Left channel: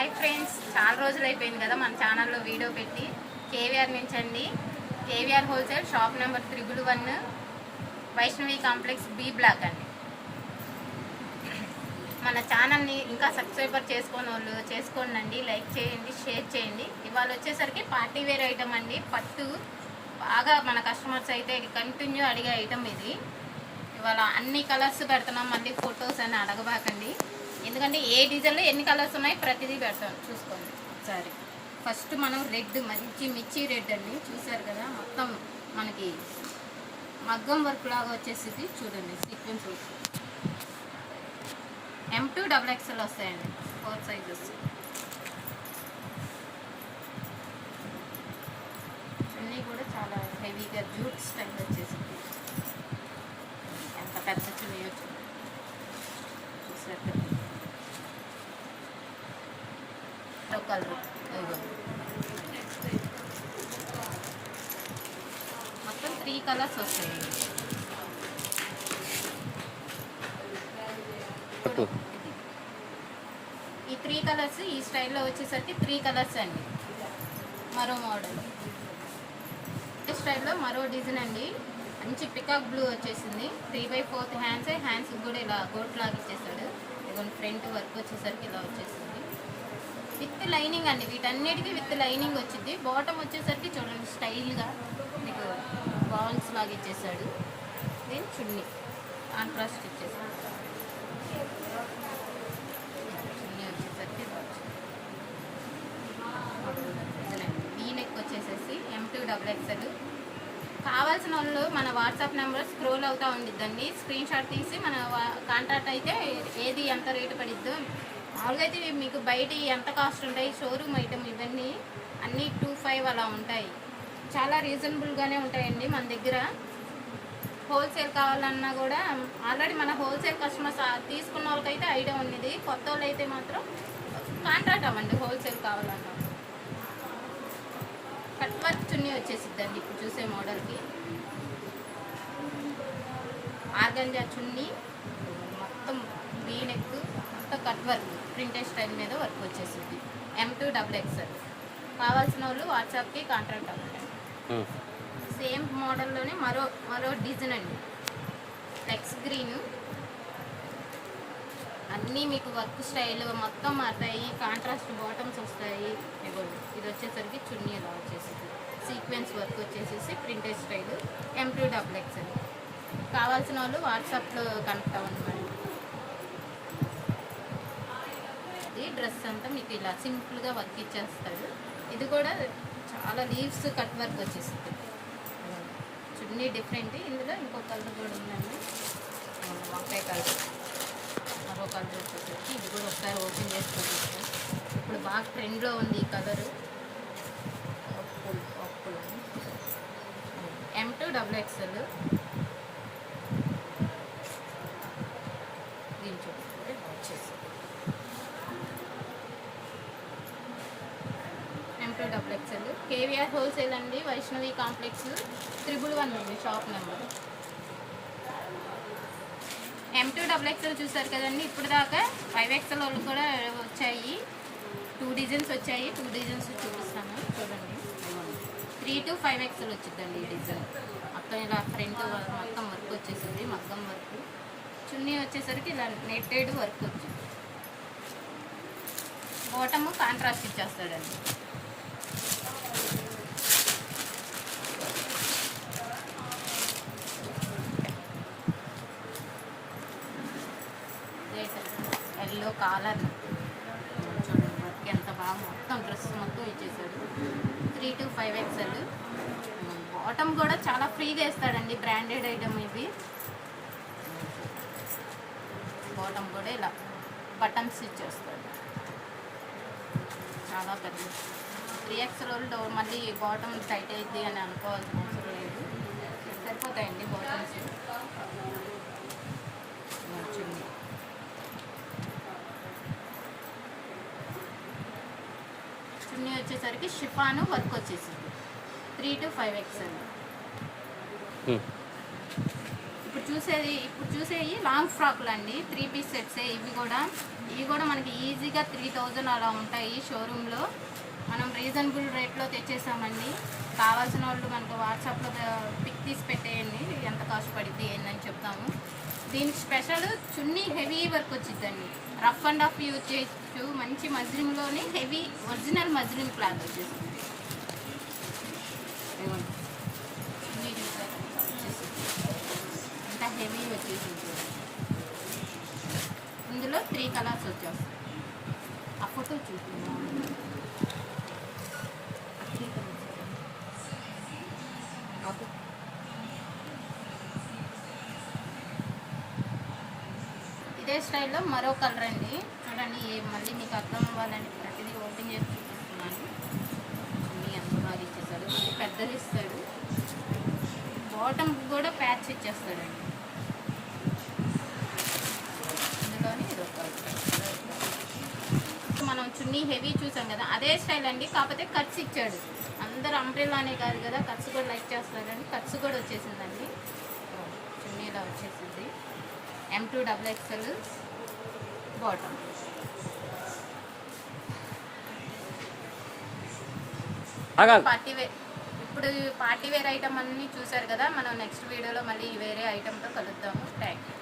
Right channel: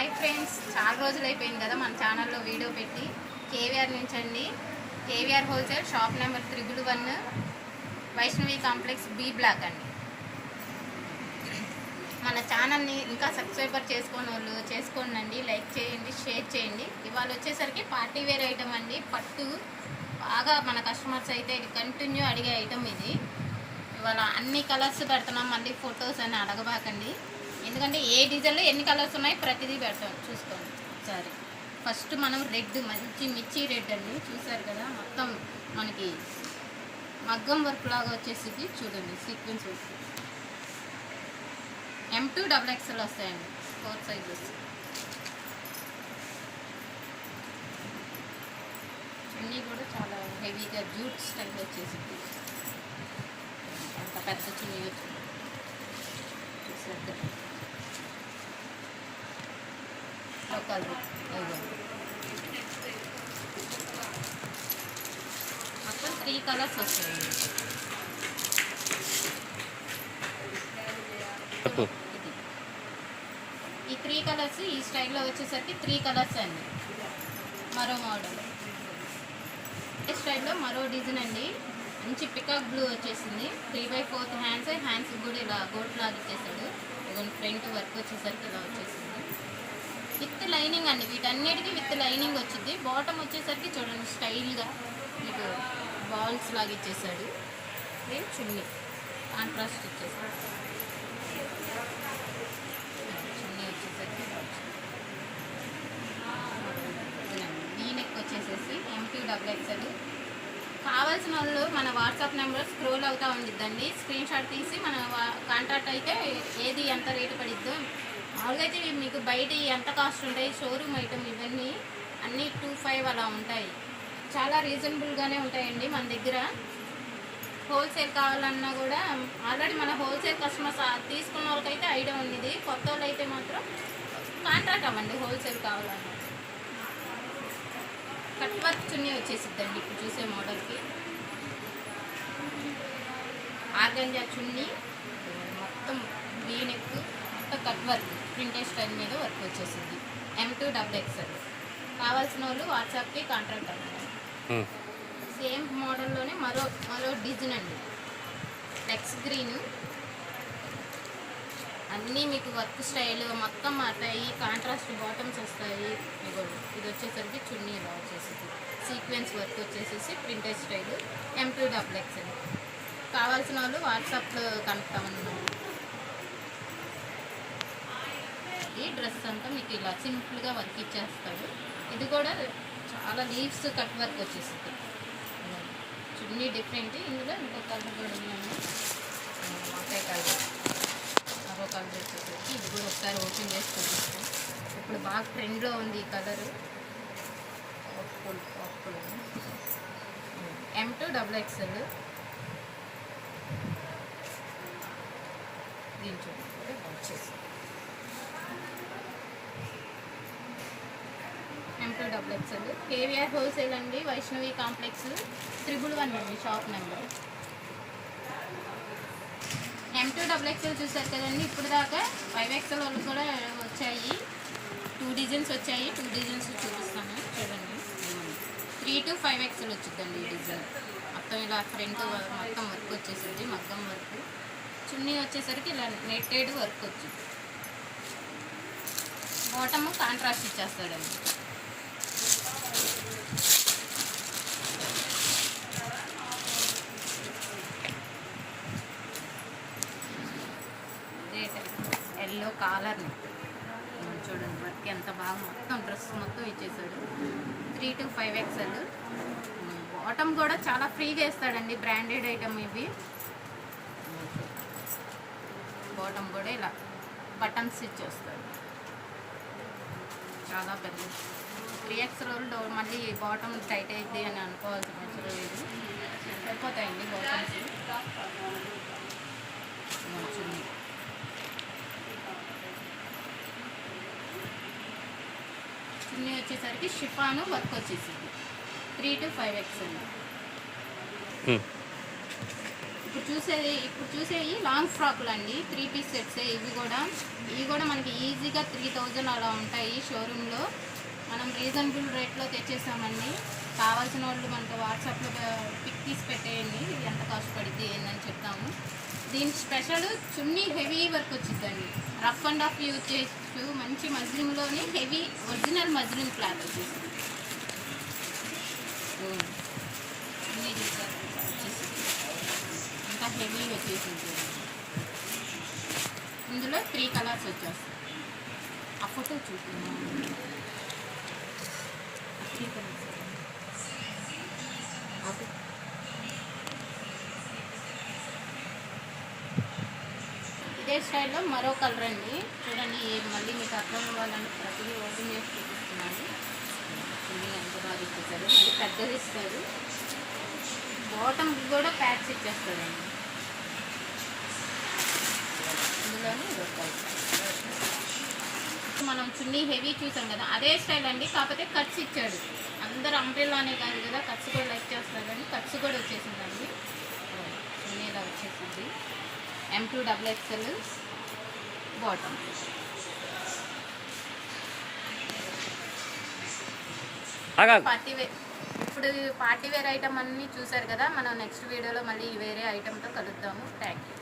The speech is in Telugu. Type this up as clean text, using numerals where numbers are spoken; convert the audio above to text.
హాయ్ ఫ్రెండ్స్, చాలా రోజులు అయిపోయింది కదా మన ఛానల్లో వీడియో పెట్టి. కేవీఆర్ నుంచి అండి, KVR wholesale shop number 111 Vaishnavi complex B block అండి. మన ఛానల్ని ఇంకా సబ్స్క్రైబర్ చేసుకోని వాళ్ళు చేసుకోండి, లైక్ చేయండి, షేర్ చేయండి. ఇవాళ వచ్చేసరికి పార్టీ వేర్ ఐటమ్ అండి. పట్టు బాగా మన కస్టమర్స్ అయితే కంటిన్యూ అడిగే ఐటమ్ ఇది. ఇవాళ అన్ని కలర్స్ పెడుతున్నాం, మళ్ళీ ఫొటోస్ అని అడగబాకండి. ఎందుకంటే ఏ డిజైన్లో ఎన్ని కలర్స్ ఉన్నాయి ప్రతిదీ పెడతాం, చూసుకోండి ఒకసారి. ఫస్ట్ మనం రెడ్, మంచి మిర్చి రెడ్ అండి, చూసారు కదా. మొత్తం మనకి మగ్గం వర్క్ లాగా వచ్చేసి చూడండి, సీక్వెన్స్ వర్క్. M2 XXL వస్తాయండి, 4 సైజెస్. చున్నీ కూడా చాలా హెవీగా జూట్ స్టైల్ వచ్చేసింది. ఎంత పెద్ద చున్నీ వచ్చింది చూసారు. కలర్ మొత్తం 3 కలర్స్ వస్తాయండి. ఈ 3 కలర్స్ ఈ స్టైల్లో వచ్చేసరికి 3 కలర్స్ అండి. మరో మోడల్ ఈ స్టైల్లో మరో డిజైన్ అండి. మంచి పికాక్ బ్లూ వచ్చేసింది. 3/4 హ్యాండ్స్ కూడా ఇలా గోట్ లాగా ఇచ్చేసాడు. ఇదిగోండి, ఫ్రంట్ వర్క్ వచ్చేసరికి ఇలా వచ్చేసింది. విత్ లైనింగ్ అండి, వీటన్నిటికీ విత్ లైనింగ్ వచ్చింది. బాటమ్ వచ్చేసరికి చూడండి స్టైల్గా మీకు బాల్స్ లాగా ఇచ్చేసాడు. ఇది చున్నీ కాంట్రాస్ట్ ఇచ్చేసాడు. చున్నీ వచ్చేసరికి వీనెక్ వచ్చేసేసి M2 XXL. కావాల్సిన వాళ్ళు మన వాట్సాప్ నెంబర్ స్క్రోల్ అవుతూ ఉండిద్దండి. స్క్రీన్ షాట్ తీసి మన కాంటాక్ట్ అయితే ఏది ఎంత రేటు పడిద్దో. మామూలుగా అయితే మీకు బయట ఎంత కాస్ట్ ఉంటాయి, షోరూమ్ ఐటమ్ ఇవన్నీ అన్నీ 25 అలా ఉంటాయి. చాలా రీజనబుల్గానే ఉంటాయండి మన దగ్గర. హోల్సేల్ కావాలన్నా కూడా ఆల్రెడీ మన హోల్సేల్ కస్టమర్స్ తీసుకున్న వాళ్ళకైతే ఐడియా ఉంది. కొత్త వాళ్ళు అయితే మాత్రం కాంట్రాక్ట్ అవ్వండి హోల్సేల్ కావాలన్నా. కట్ వర్క్ చున్నీ వచ్చేసిద్దండి ఇప్పుడు చూసే మోడల్కి. ఆర్గంజా చున్నీ, మొత్తం వీనెక్, మొత్తం కట్ వర్క్ ప్రింటెడ్ స్టైల్ మీద వర్క్ వచ్చేసింది. M2 XXL. కావాల్సిన వాళ్ళు వాట్సాప్కి కాంట్రాక్ట్ అవ్వండి. సేమ్ మోడల్లోనే మరో డిజైన్ అండి. లెక్స్ గ్రీన్, అన్నీ మీకు వర్క్ స్టైల్ మొత్తం మారుతాయి. కాంట్రాస్ట్ బాటమ్స్ వస్తాయి. ఇది వచ్చేసరికి చున్నీ ఇలా వచ్చేసింది. సీక్వెన్స్ వర్క్ వచ్చేసేసి ప్రింటెడ్ స్టైల్ M2 XXL. కావాల్సిన వాళ్ళు వాట్సాప్లో కనెక్ట్ అవ్వండి. ఈ డ్రెస్ అంతా మీకు ఇలా సింపుల్గా వర్క్ ఇచ్చేస్తాడు. ఇది కూడా చాలా లీవ్స్ కట్ వర్క్ వచ్చేస్తుంది. చున్నీ డిఫరెంట్. ఇందులో ఇంకో కలర్ కూడా ఉందండి, వంకాయ కలర్. మరో కలర్ వచ్చేసరికి ఇది కూడా ఒకసారి ఓపెన్ చేసుకొని చూస్తాం. ఇప్పుడు బాగా ట్రెండ్లో ఉంది ఈ కలరు. M2 XXL. దీని చూడండి వచ్చేసి M2 XXL. కేవీఆర్ హోల్సేల్ అండి, వైష్ణవి కాంప్లెక్స్ 111 అండి షాప్ నెంబర్. M2 XXL చూసారు కదండి. ఇప్పుడు దాకా 5XL వాళ్ళు కూడా వచ్చాయి. 2 డిజైన్స్ వచ్చాయి. 2 డిజైన్స్ చూపిస్తాను చూడండి. 3 to 5XL వచ్చిందండి ఈ డిజైన్. మొత్తం ఇలా ఫ్రంట్ మొత్తం వర్క్ వచ్చేసింది, మగ్గం వర్క్. చున్నీ వచ్చేసరికి ఇలా నెట్టెడ్ వర్క్ వచ్చింది. బాటమ్ కాంట్రాస్ట్ ఇచ్చేస్తాడండి. ఎల్లో కాలర్ చూడండి, వర్క్ ఎంత బాగా మొత్తం డ్రెస్ మొత్తం ఇచ్చేసాడు. 3 to 5XL. బాటమ్ కూడా చాలా ఫ్రీగా ఇస్తాడండి, బ్రాండెడ్ ఐటమ్ ఇది. బాటమ్ కూడా ఇలా బటన్స్ ఇచ్చేస్తాడు. చాలా పెద్ద 3XL వాళ్ళు మళ్ళీ బాటమ్ టైట్ అయింది అని అనుకోవాల్సిన అవసరం లేదు, సరిపోతాయండి బాటమ్స్. చున్నీ వచ్చేసరికి షిఫాను వర్క్ వచ్చేసింది. 3 to 5XL. ఇప్పుడు చూసేవి లాంగ్ ఫ్రాక్లు అండి, 3 పీస్ సెట్సే. ఇవి కూడా మనకి ఈజీగా 3000 అలా ఉంటాయి షోరూంలో. మనం రీజనబుల్ రేట్లో తెచ్చేసామండి. కావాల్సిన వాళ్ళు మనకు వాట్సాప్లో పిక్ తీసి పెట్టేయండి, ఎంత కాస్ట్ పడుద్ది ఏందని చెప్తాము. దీని స్పెషల్ చున్నీ హెవీ వర్క్ వచ్చిందండి. రఫ్ అండ్ ఆఫ్ యూజ్ చేయొచ్చు. మంచి మజ్లిన్లోని హెవీ ఒరిజినల్ మజ్లిన్ క్లాత్ వచ్చేసింది. చున్నీ చూసారు వచ్చేసింది, ఇంకా హెవీ వచ్చేసింది. ఇందులో 3 కలర్స్ వచ్చేస్తాయి. ఆ ఫోటో చూస్తున్నాం. ఇదే స్టైల్లో మరో కలర్ అండి, చూడండి. మళ్ళీ మీకు అర్థం అవ్వాలని ప్రతిదీ ఓపెన్ చేసి చూపిస్తున్నాను. ఎంత బాగా ఇచ్చేసారు, మళ్ళీ పెద్దది ఇస్తారు. బాటమ్కి కూడా ప్యాచ్ ఇచ్చేస్తారండి. ఇందులోనే మనం చున్నీ హెవీ చూసాం కదా, అదే స్టైల్ అండి. కాకపోతే కట్స్ ఇచ్చాడు. అందరు అంబ్రెల్లానే కాదు కదా, కట్స్ కూడా లైక్ చేస్తున్నారని కట్స్ కూడా వచ్చేసిందండి. చున్నీలో వచ్చేసింది. M2 XXL bottom. Party wear. ఇప్పుడు పార్టీ వేర్ ఐటమ్ అన్నీ చూసారు కదా. మనం నెక్స్ట్ వీడియోలో మళ్ళీ వేరే ఐటమ్తో కలుద్దాము. Thank you.